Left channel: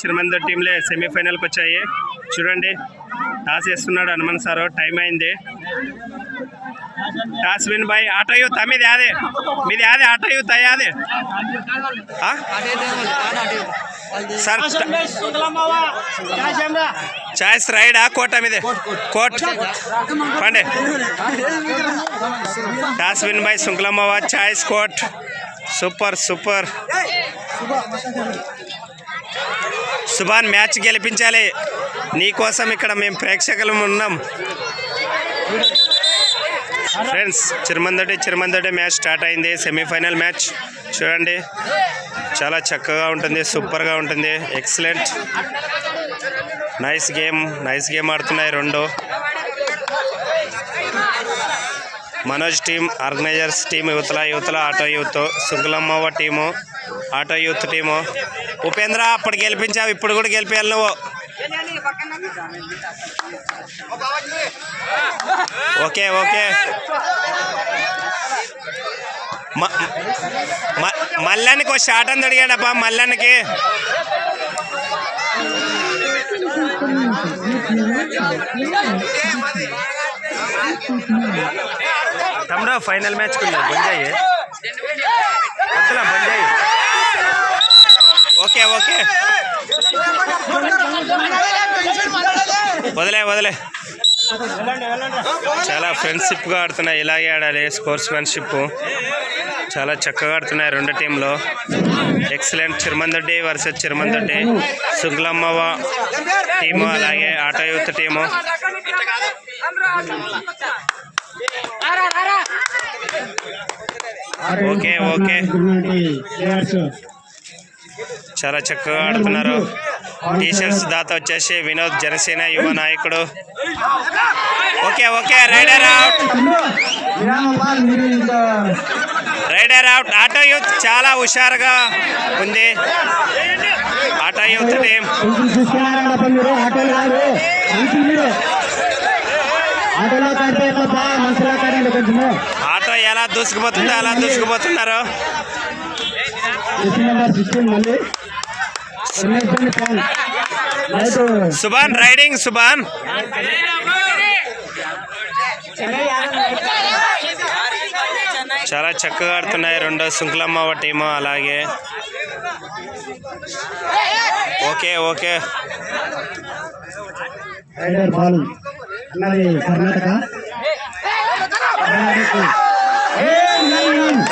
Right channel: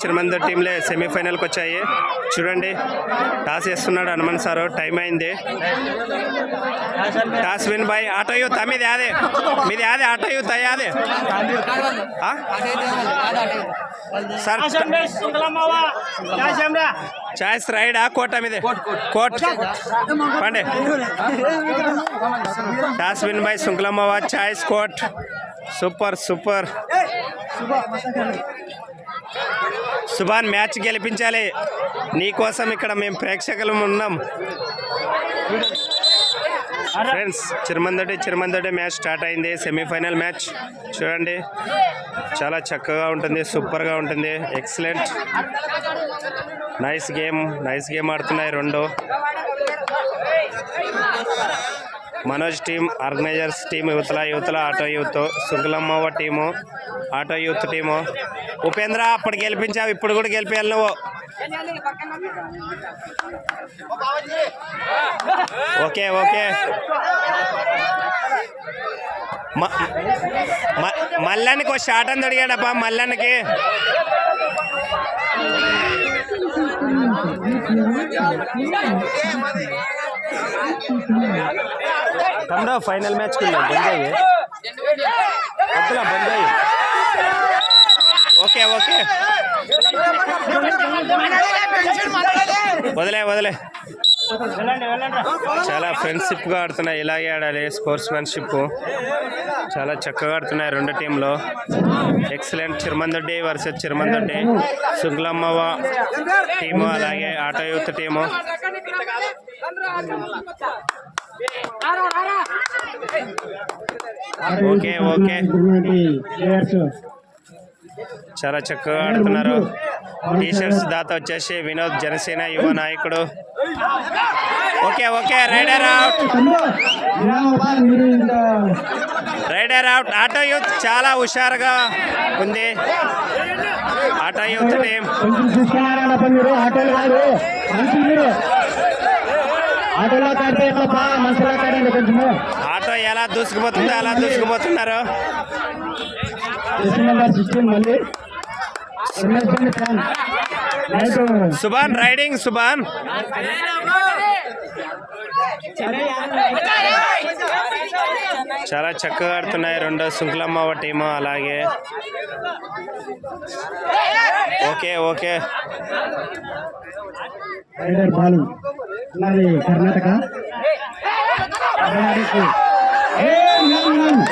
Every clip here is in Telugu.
చిరుమందర్ టీంలే సెమీఫైనల్కి వచ్చాయి. చూడండి టాస్ వేస్తున్నాడు హనుమంత్ సారు. టైం అయింది. Toss win by auto youth. మీది యాదే ఆటో యూత్ అయ్యాదే సార్. ఛాయిస్ రైడా కోట మీదే కోట్ పండే. Toss win by Sunkulammava. Choice court. Super super. Subhan match గెలిపించాలి నీకోసం ఇక్కడ మేము ప్రేక్షకులు ఉన్నాం. ఫ్రెండ్స్ చిరుమందడి మ్యాచ్ స్టార్ట్ అయింది. సెమీఫైనల్ మ్యాచ్ చూడండి చాలా చక్కగా ఉంటుంది, సూపర్గా ఉంటుంది. ఎక్సలెంట్ నైస్ గేమ్ ఆడుతున్నాయి రెండు. మనోజ్ టీం, ఆర్గనైజర్స్ టీం యువతల auto youth, Sunkulammava team auto youth team. Upendra అప్పుడు గెలిపించావు, ఇప్పుడు కూడా గెలిపేయాలి నువ్వు. ఓకే మల్లానికి ఒక షాట్ అని అడిగాడప్పా. మల్లానికి తమ్ముడు ఫైనల్ మ్యాచ్కి ఉందా బంజాయి వద్దులా బంజాయి. ఓకే వదిలే చాలా ఫ్రెండ్షిప్గా ఆడుతున్నాయి. ఇలాగే ఆడాలి. స్పోర్ట్స్మెన్షిప్ చాలా చక్కగా ఆడుతున్నాయి రెండు టీంలో. ఎక్సలెంట్. చిరుమందొడ్డి వర్సెస్ చిరుమందొడ్డి. సుంకులమ్మవ టీము అలాగే ఆటో యూత్ టీము. ఓకే చాలా చక్కగా ఆడుతున్నారు. టీషర్ట్స్ దాత వచ్చేసి వినోద్, జనసేన యువ నాయకుడు. Okay raider out. Auto youth చాలా హుషారుగా ఉంది. ఆటో యూత్ టీం ఆటో ఎలా దూసుకుపోతుందో అలా దూసుకుపోతున్నారు. సుభాన్ రైడింగ్. సుభాన్ చాలా చక్కగా ఆడుతున్నాయి రెండు. సుంకులమ్మవ టీము అలాగే. Okay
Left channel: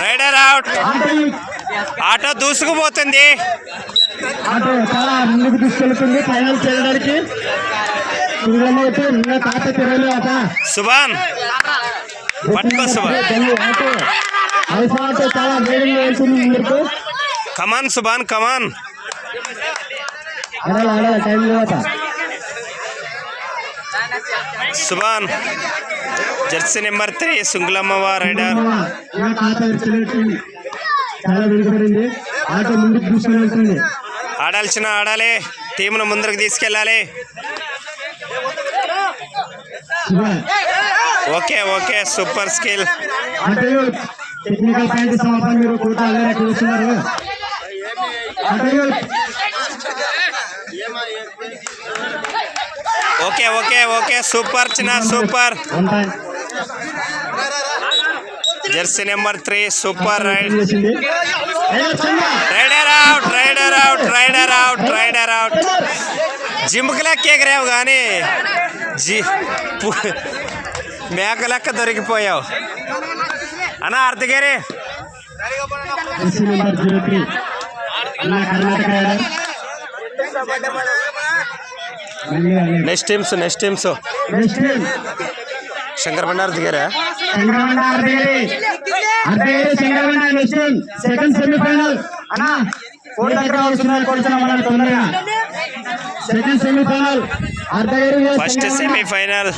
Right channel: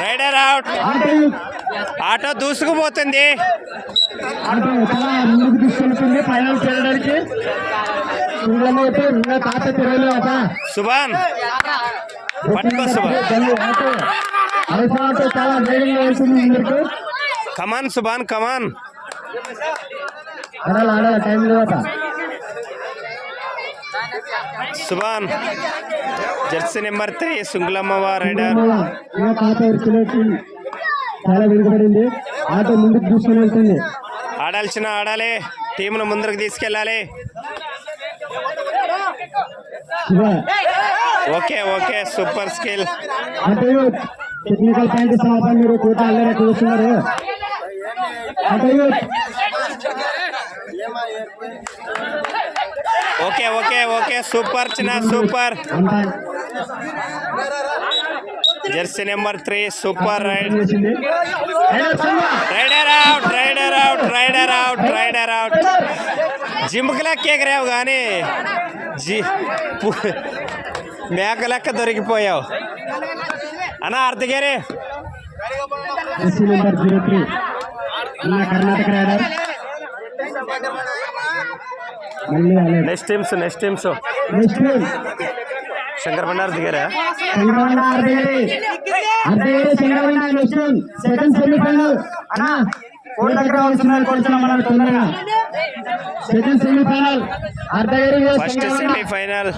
raider out. ఆటో దూసుకుపోతుంది. సుభాన్ పట్టుకో Subhan. Come on Subhan come on. Subhan jersey number 3 Sunkulammava raider. ఆడాలి. టీమును ముందరకు తీసుకెళ్ళాలి. Okay super skill. Technical point సమాపన మీరు కోట చూస్తున్నారు. ఓకే సూపర్ చిన్న super. Jersey number 3 super raider out. జిమ్కి లెక్క ఎగరావు కానీ మేక లెక్క దొరికిపోయావు అన్నా. అర్ధగిరి నెక్స్ట్ టీమ్స్ శంకర్ బండారు దిగారా. Second semifinal first semifinal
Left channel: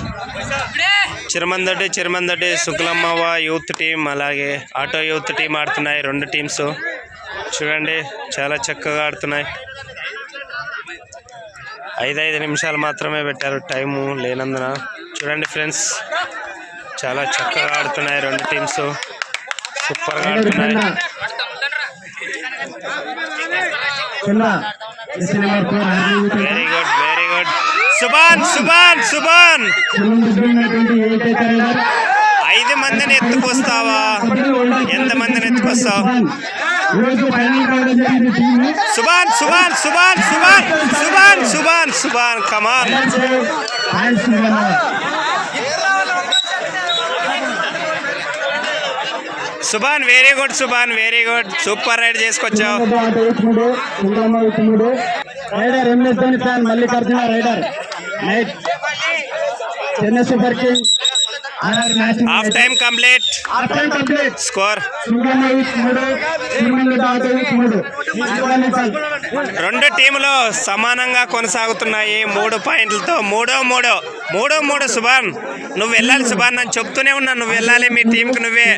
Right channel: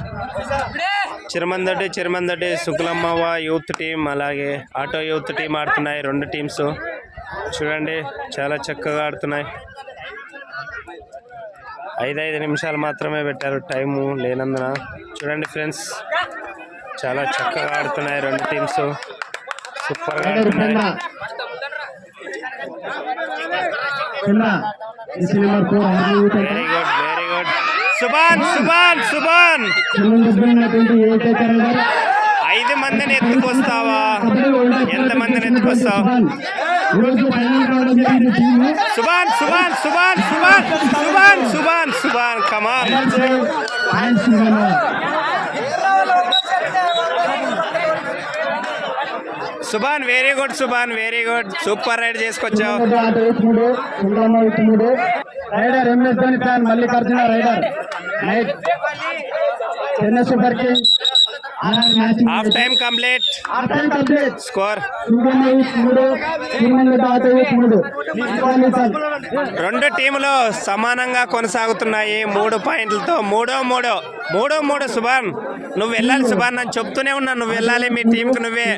Chirumandoddi Sunkulammava youth team అలాగే ఆటో యూత్ టీం ఆడుతున్నాయి రెండు టీమ్స్. చూడండి చాలా చక్కగా ఆడుతున్నాయి. 5 నిమిషాలు మాత్రమే పెట్టారు టైము లేనందున. చూడండి ఫ్రెండ్స్ చాలా చక్కగా ఆడుతున్నాయి రెండు టీమ్స్. సూపర్గా ఆడుతున్నాయి. Jersey number 4 army very good very good. Subhan Subhan Subhan సంబంధించినటువంటి ఏకైక రైడర్ 5 మందిని ఎత్తుకొస్తావా? ఎంత మందిని ఎత్తుకొస్తావు? ఈరోజు ఫైనల్ రావడం జరిగింది team Subhan Subhan Subhan Subhan Subhan Subhan Subhan come on. Subhan very good Subhan very good. Super raid చేసుకొచ్చావు. Raider MS Dhoni fan Mallikarjuna raider night Chennai super kings half time complete. Score 3 రెండు టీములు సమానంగా కొనసాగుతున్నాయి 3 పాయింట్లతో. మూడో సుభాన్ నువ్వు వెళ్ళాలి సుభాన్, నేను చెప్తూనే ఉన్నా నువ్వు వెళ్ళాలి, మీ టీంకి నువ్వే.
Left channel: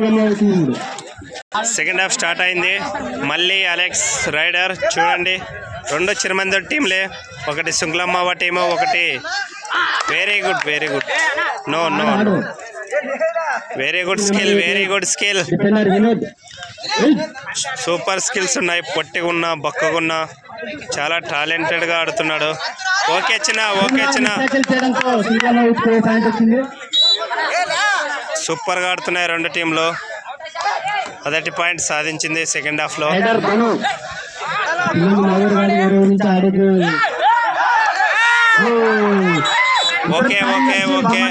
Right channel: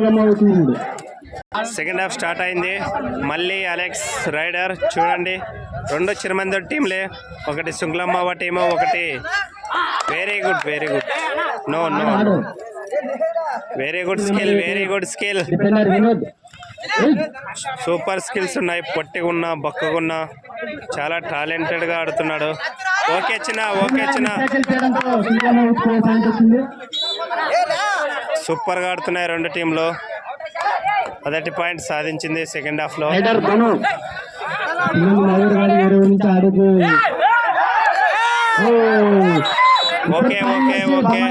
సెకండ్ హాఫ్ స్టార్ట్ అయింది. మళ్ళీ అలెక్స్ రైడర్ చూడండి, 2 చిరమందర్ టీంలే. ఒకటి సుంగ్లమ్మవ టీము, ఒకటి very good very good. No no no very good skill very good skill. Super skills ఉన్నాయి. పొట్టిగున్నా బక్కగున్నా చాలా టాలెంటెడ్గా ఆడుతున్నాడు. ఓకే చిన్న ఓకే చిన్న. సూపర్గా ఆడుతున్నాయి 2 టీంలు. మొదటి పాయింట్ సాధించింది సెకండ్ హాఫ్లో. Okay okay okay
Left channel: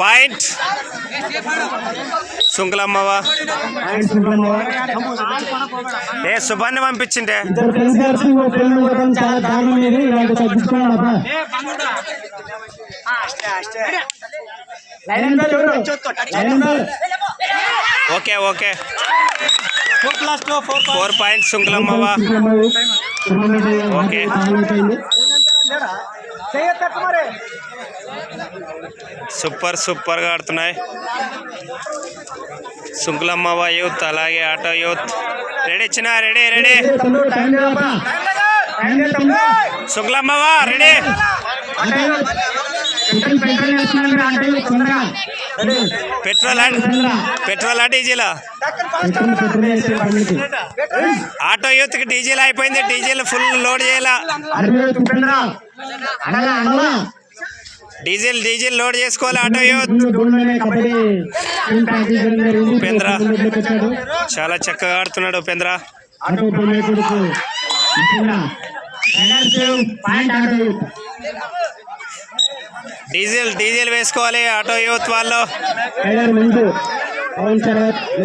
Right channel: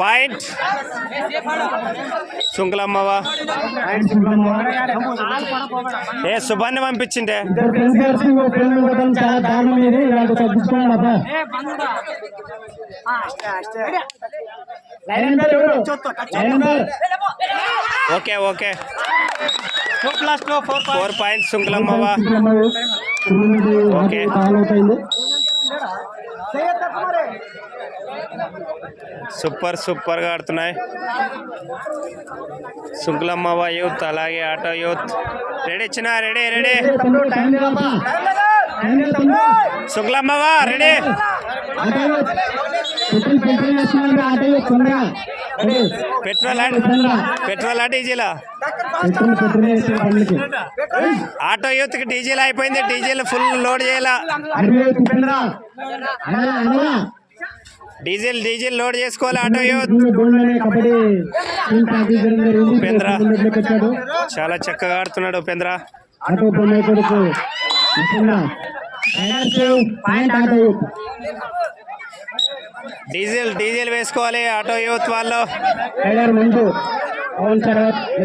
point Sunkulammava. ఏ సుభాన్ని పంపించిండే. Okay okay 4 points Sunkulammava. Okay సూపర్గా ఆడుతున్నాయి సుంకులమ్మవ యూత్, అలాగే ఆటో యూత్. రెడీ చిన్న రెడీ రెడీ. సుంకులమ్మవ రెడీ. పెట్రోలా డీజిలా? ఆటో యూత్ కి డీజిల్ అయిపోయింది. డీజిల్ ఫుల్ లోడ్ చేయాలా? డీజిల్ లోడ్ చేసుకోవాలి ఆటో యూత్. ఉపేంద్ర చాలా చక్కగా ఆడుతున్నాడు. ఉపేంద్ర డీజిల్ వేసుకోవాలి ఆటో యూత్ వాళ్ళు.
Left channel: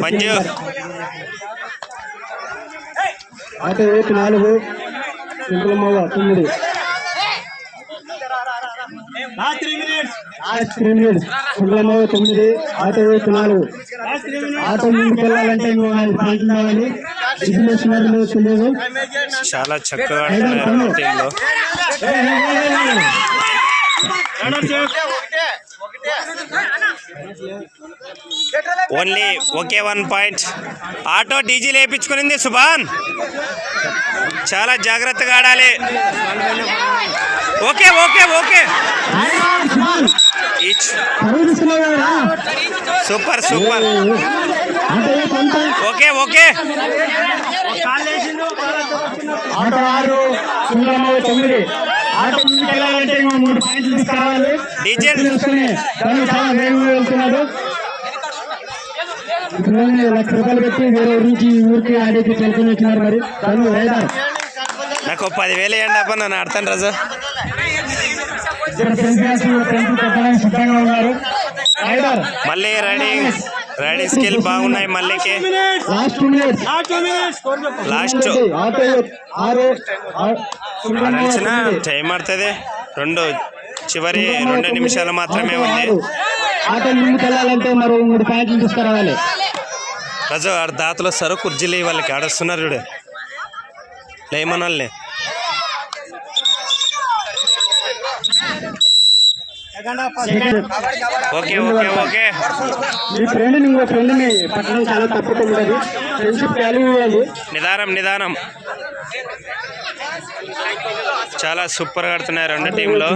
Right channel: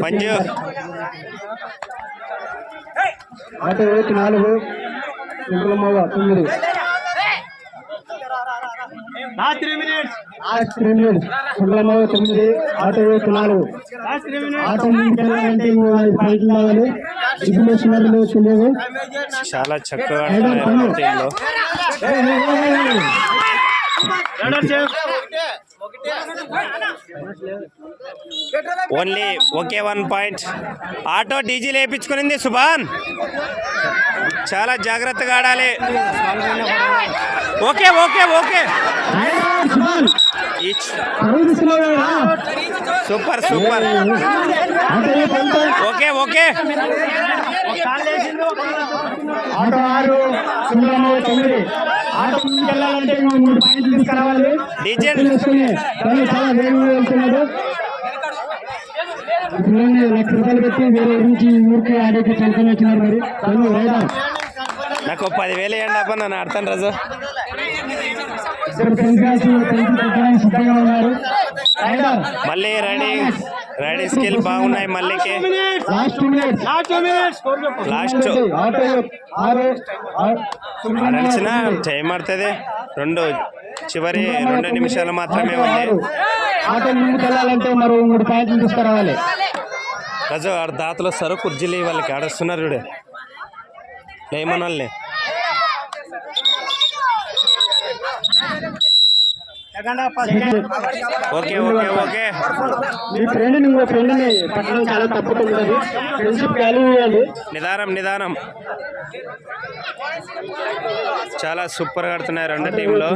Manju auto youth 4, Sunkulammava 9. Sunkulammava 9, auto youth 4. Auto ముందుకు వెళ్ళాలంటే 4 పాయింట్లు కావాలి. తెలియదు. చాలా చక్కగా ఆడుతున్నారు టీంలో. ఓన్లీ ఒకే 1 పాయింట్. ఆటో డీజిల్ వేయించుకునింది సుభాన్, చాలా జాగ్రత్తగా ఆడాలి. Okay okay okay super super. Okay okay diesel చాలా వేగంగా వెళ్తున్నాడు. 1,00,000 రూపాయలు పెట్టి వేరే నుంచి ఊరికి ఆడికి తెలుసుకుని వచ్చినారు. మరి తను రైడర్ నాకు 10,000 ఇవ్వండి అబ్బా, నన్ను ఆడతాను రాజు. మళ్ళీ రైడింగ్ స్కిల్ బాగున్నాయి మళ్ళీకి. లాస్ట్ ఆడాల్సిన టైం ఆడుతుంది. చివరి 2 నిమిషాలు మాత్రమే ఉంది. రాజు ఆడ దాతలు వస్తారు, కుర్జీలు వాళ్ళకి ఆడొస్తున్నారు చూడు, లేమన్ వాళ్ళని. ఓకే ఓకే ఓకే నిదానం. చాలా సూపర్గా ఆడుతున్నాయి 2 టీంలో.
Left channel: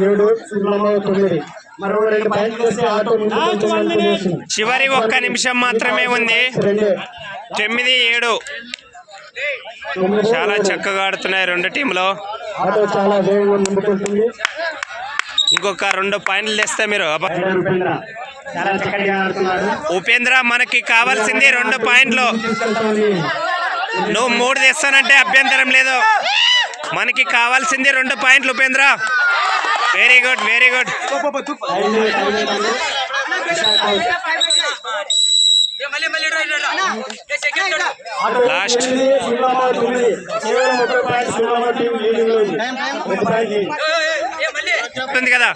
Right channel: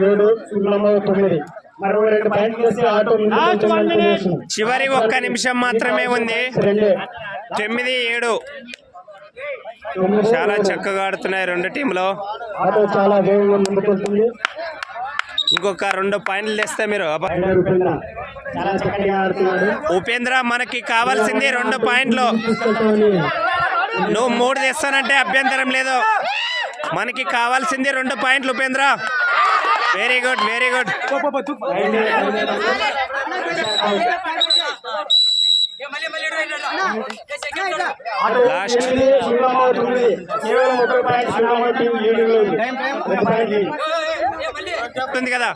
చివరి 1 నిమిషం మాత్రమే ఉంది. 9-7 చాలా చక్కగా ఆడుతున్నాయి రెండు టీంలో. ఆటో చాలా వేగంగా ముందుకెళ్తుంది. ఇంకొక 2 పాయింట్లు తెస్తే మీరు అబ్బా. ఉపేంద్ర చాలా చక్కగా ఆడుతున్నాడు. ఉపేంద్ర మనకి కావాల్సింది 2 పాయింట్లు. తీసుకెళ్తోంది. నువ్వు 3 తెస్తానంటే అభ్యంతరం లేదు. మనకి కావాల్సింది 2 పాయింట్లు Upendra. Very good, very good. Last ఉంది కదా.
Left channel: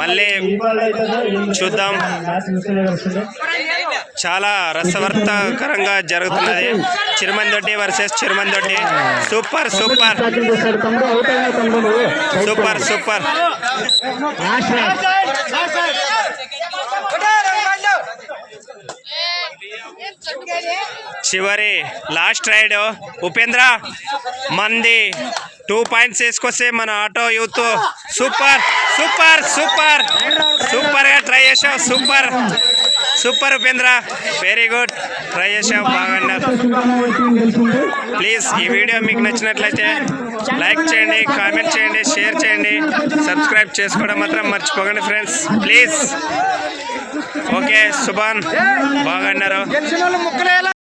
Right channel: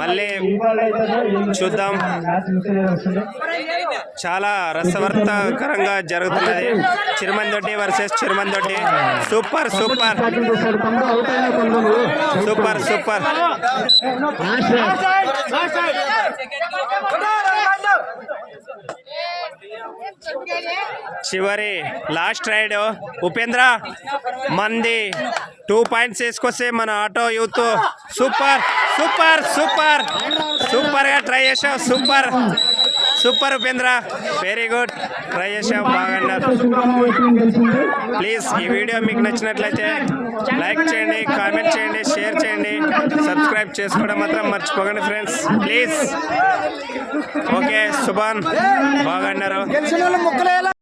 మళ్ళీ చూద్దాం. చాలా రసవర్తకరంగా జరుగుతున్నది. Chirumandoddi versus Chirumandoddi. Super super super super. చివరి లాస్ట్ రైడ్ ఉపేంద్ర మంది 2 పాయింట్స్ వేసుకొస్తే మన auto youth super super super super గా ట్రై చేసావు. Super super Upendra, very good. Try చేసావు, బాగా అన్నారు. ప్లీజ్ ఈ వీడియో మీకు నచ్చినట్లయితే లైక్ చేయండి, కామెంట్ చేయండి, షేర్ చేయండి, సబ్స్క్రైబ్ చేసుకోవడం మాత్రం మర్చిపోకండి ఫ్రెండ్స్ ప్లీజ్. ఓకే సుభాన్, బాగా అన్నారు.